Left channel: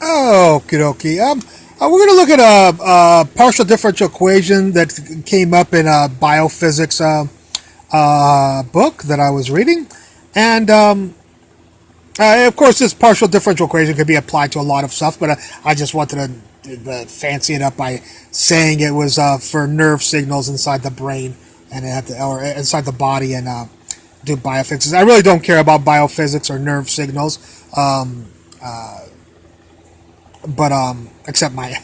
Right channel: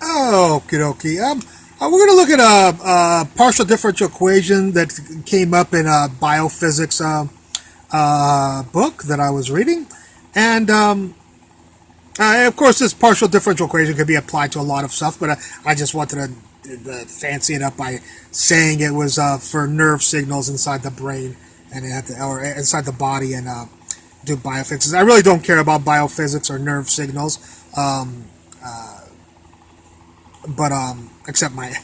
Okie dokie. We're going to look at a partial differential equation that came up in a Biophysics book that I was reading. And, of course, this partial differential equation could be applied to a lot of stuff, but I just wanted to fancy it up by saying it was for nerve signals inside the brain and it had to, or inside the body and do biophysics. I really don't care about biophysics or nerve signals. But except my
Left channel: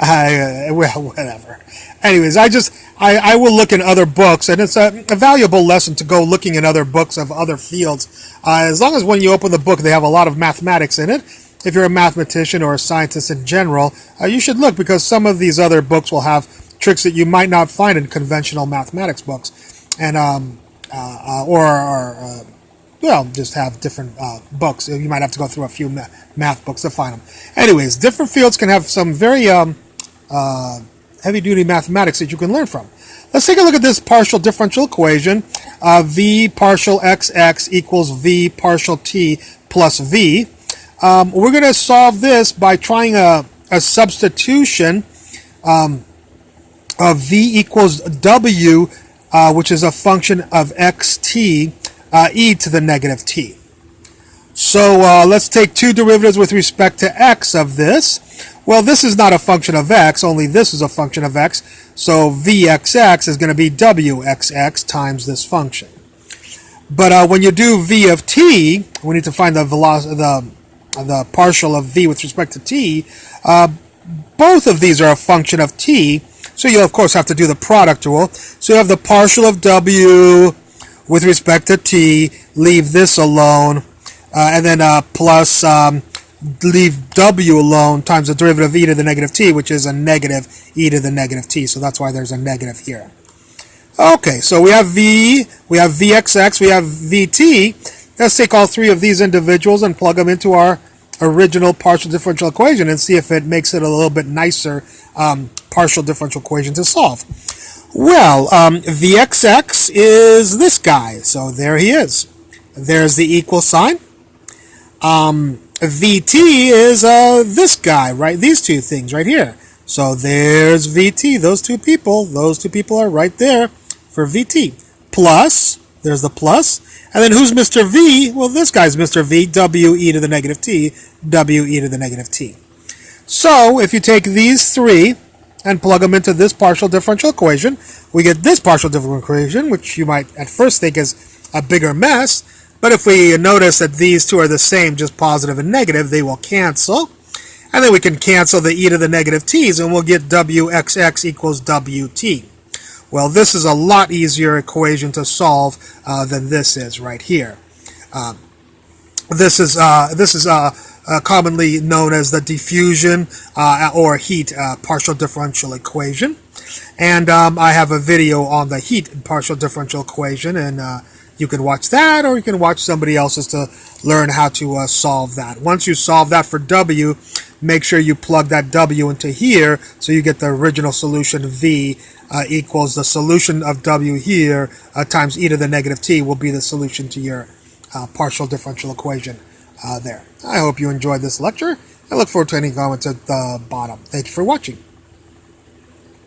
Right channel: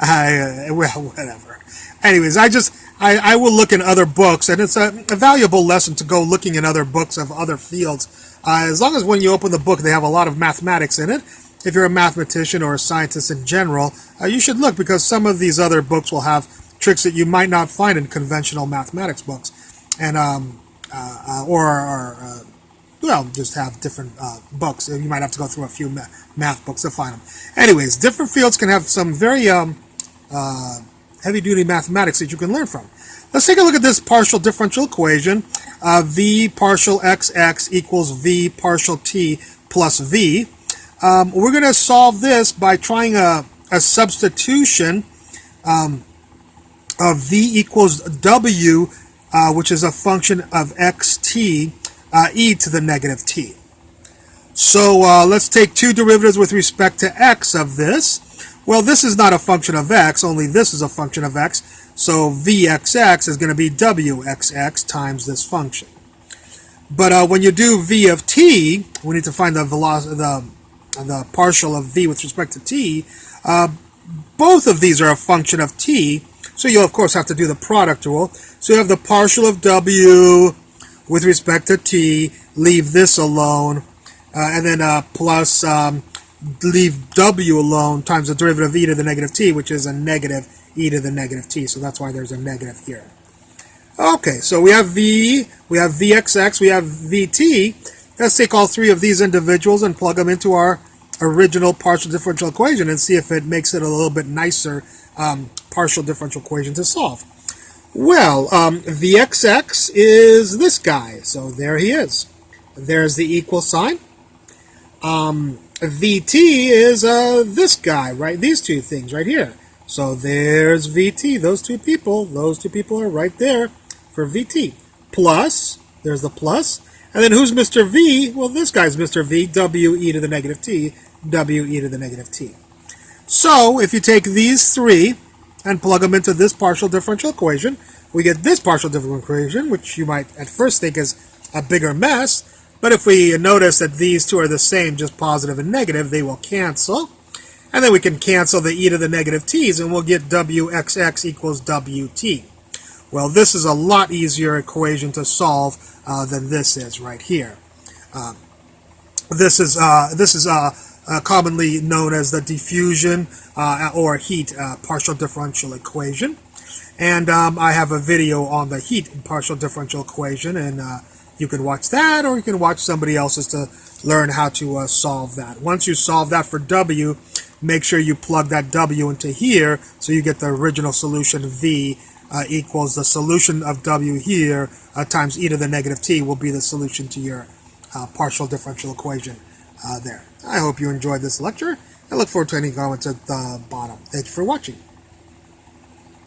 well, whatever. Anyways, I will look in other books, and it's a valuable lesson to go looking in other books of other fields, as long as when you open the book they have a lot of mathematics in it. If you're a mathematician or a scientist in general, you should look, because some of these other books will have tricks that you might not find in conventional mathematics books, and well, just have different books. You might have to go through a few math books to find them. Anyways, different fields can have some very heavy-duty mathematics that you can learn from. Let's take a look at this partial differential equation. V partial xx equals V partial t plus V. We're going to solve this by trying a substitution of V equals W, which is a function of xt, e to the negative t. So let's take two derivatives with respect to x of this. Well, this is not a function of x, only this is a function of x. So vxx is going to be wxx times this function. But when you do v of t, we need to find the velocity, the partial of v with respect to t. Both of these are a function of t, so you'll of course have to do the product rule. So you have the partial of w with respect to t, leave this alone, and then plus leave w alone times the derivative of e to the negative t, which is a negative e to the negative t. So that's why there's a negative here. Okay, so we have v, we have vxx, we have vt. Let's take all three of these individuals and plug them into our original partial differential equation and see if it makes it a little bit nicer partial differential equation to solve. Well, vxx is this guy, so there he is. There's the equal sign. Vt is this guy, right? These two things right here. So there's Vt, those two people are right there for Vt. Plus, there's the plus. And then who's Mr. V? Well, this guy's Mr. V, w e to the negative t, w e to the negative t. So if you take these three and plug them into this partial differential equation, we get this partial differential equation, which you might at first think is a bigger mess. But if we notice that these two are the same, just positive and negative, they will cancel. And then we can cancel the e to the negative t's, and we'll get wxx equals wt. Well, this is a lot easier equation to solve than this is right here. This is commonly known as the diffusion or heat partial differential equation. And I have a video on the heat partial differential equation, and you can watch that, or you can watch somebody else's to learn how to solve that. Once you solve that for w, make sure you plug that w into here so you get the original solution. V equals the solution of w here times e to the negative t will be the solution to your partial differential equation there. I hope you enjoyed this lecture. I look forward to any comments at the bottom. Thank you for watching.